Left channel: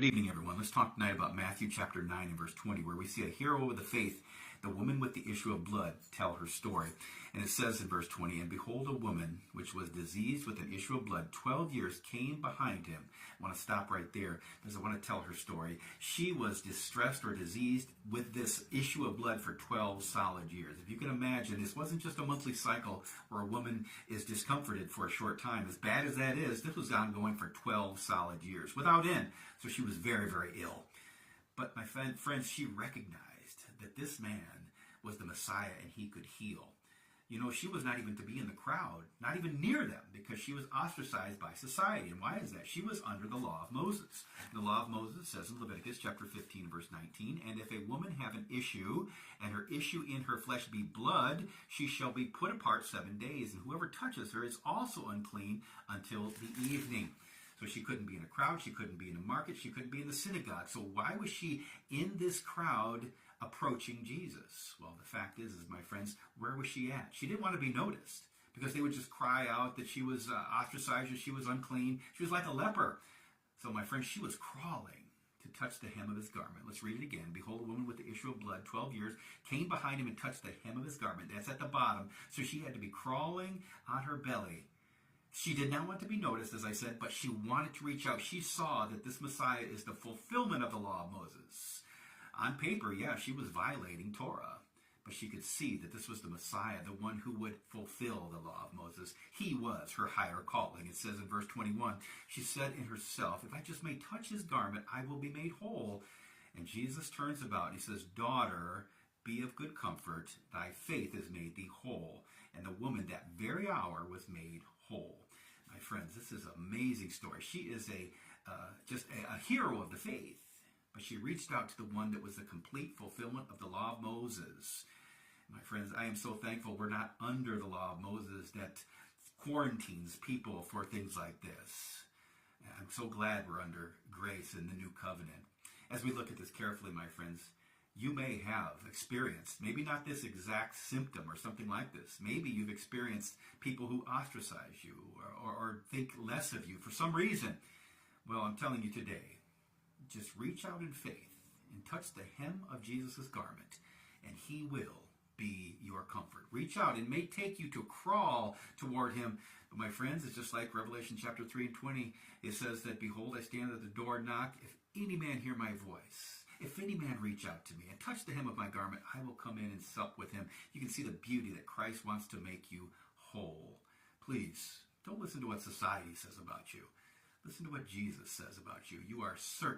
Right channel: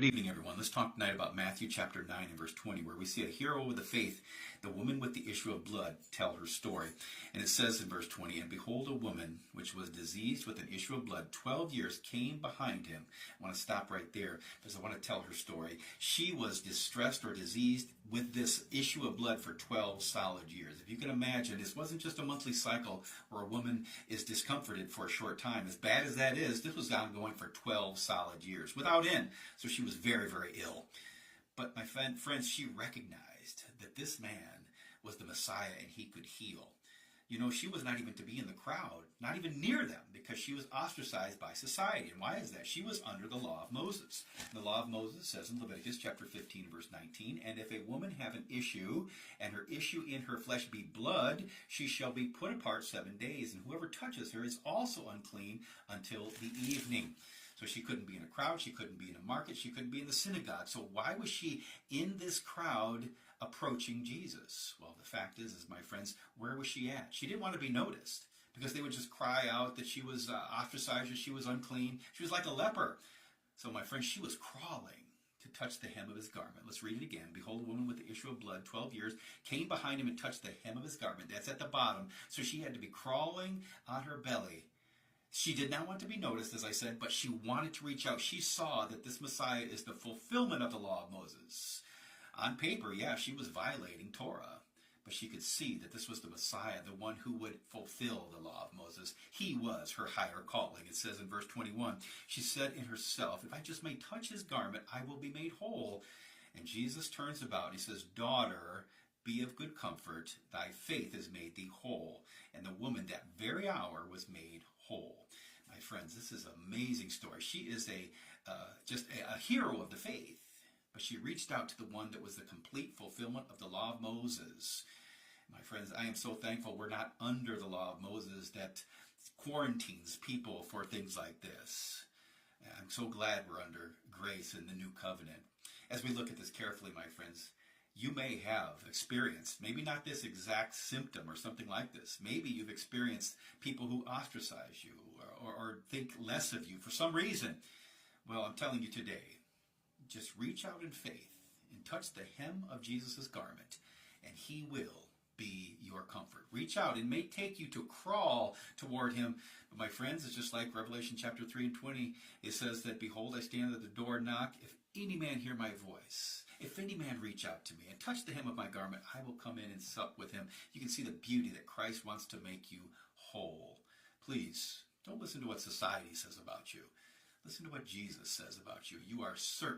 Good evening, everyone. Let's talk tonight about Matthew chapter 9 and verse 20, where we see a hero of the faith, the woman with the issue of blood, tell her story. And it says in verse 20, "And behold, a woman which was diseased with an issue of blood 12 years came behind him." I want to stop right there because I want to tell her story. She was distressed or diseased with this issue of blood for 12 solid years. If you can imagine, this wasn't just a monthly cycle where a woman is discomforted for a short time. As bad as that is, this was ongoing for 12 solid years without end. So she was very, very ill. But my friends, she recognized that this man was the Messiah and he could heal. You know, she was not even to be in the crowd, not even near them, because she was ostracized by society. And why is that? She was under the law of Moses. The law of Moses says in Leviticus chapter 15, verse 19, "And if a woman have an issue, and her issue in her flesh be blood, she shall be put apart 7 days. And whoever touches her is also unclean until the evening." So she couldn't be in a crowd, she couldn't be in a market, she couldn't be in the synagogue. So why was she in this crowd approaching Jesus? Well, the fact is, my friends, where was she at? She didn't want to be noticed because they would just cry out that she was ostracized, that she was unclean. She was like a leper. So, my friends, she was crawling to touch the hem of his garment. Let's read it again. "Behold, a woman with the issue of blood, 12 years, came behind him and touched the hem of his garment." That's at the bottom. So she had to be crawling on her belly. She did not want to be noticed, as I said, but she wanted to reach out. She saw that this Messiah is the fulfillment of the law of Moses. On paper, yeah, she was violating Torah, but she could see that this was the Messiah, the one who would fulfill the law of Moses. He was her higher calling. It says in verse 21, she said in herself, "If I just may touch his garment, I will be made whole." And Jesus turns about and he says, "Daughter, be of good comfort, thy faith has made thee whole." And the woman that very hour was made whole. My friends, this is an amazing story. She is just a hero of the faith, but she reached out to the one that was the complete fulfillment of the law of Moses. My friends, I am so thankful we're not under the law of Moses that quarantines people for things like this. I'm so glad we're under grace in the new covenant. As we look at this carefully, my friends, you may have experienced, maybe not this exact symptom or something like this. Maybe you've experienced people who ostracize you or think less of you for some reason. Well, I'm telling you today, just reach out in faith and touch the hem of Jesus' garment, and he will be your comfort. Reach out. It may take you to crawl toward him. But my friends, it's just like Revelation chapter 3 and 20. It says that, "Behold, I stand at the door and knock. If any man hear my voice, if any man reach out to me and touch the hem of my garment, I will come in and sup with him." You can see the beauty that Christ wants to make you whole. Please, don't listen to what society says about you. Listen to what Jesus says about you. You are certain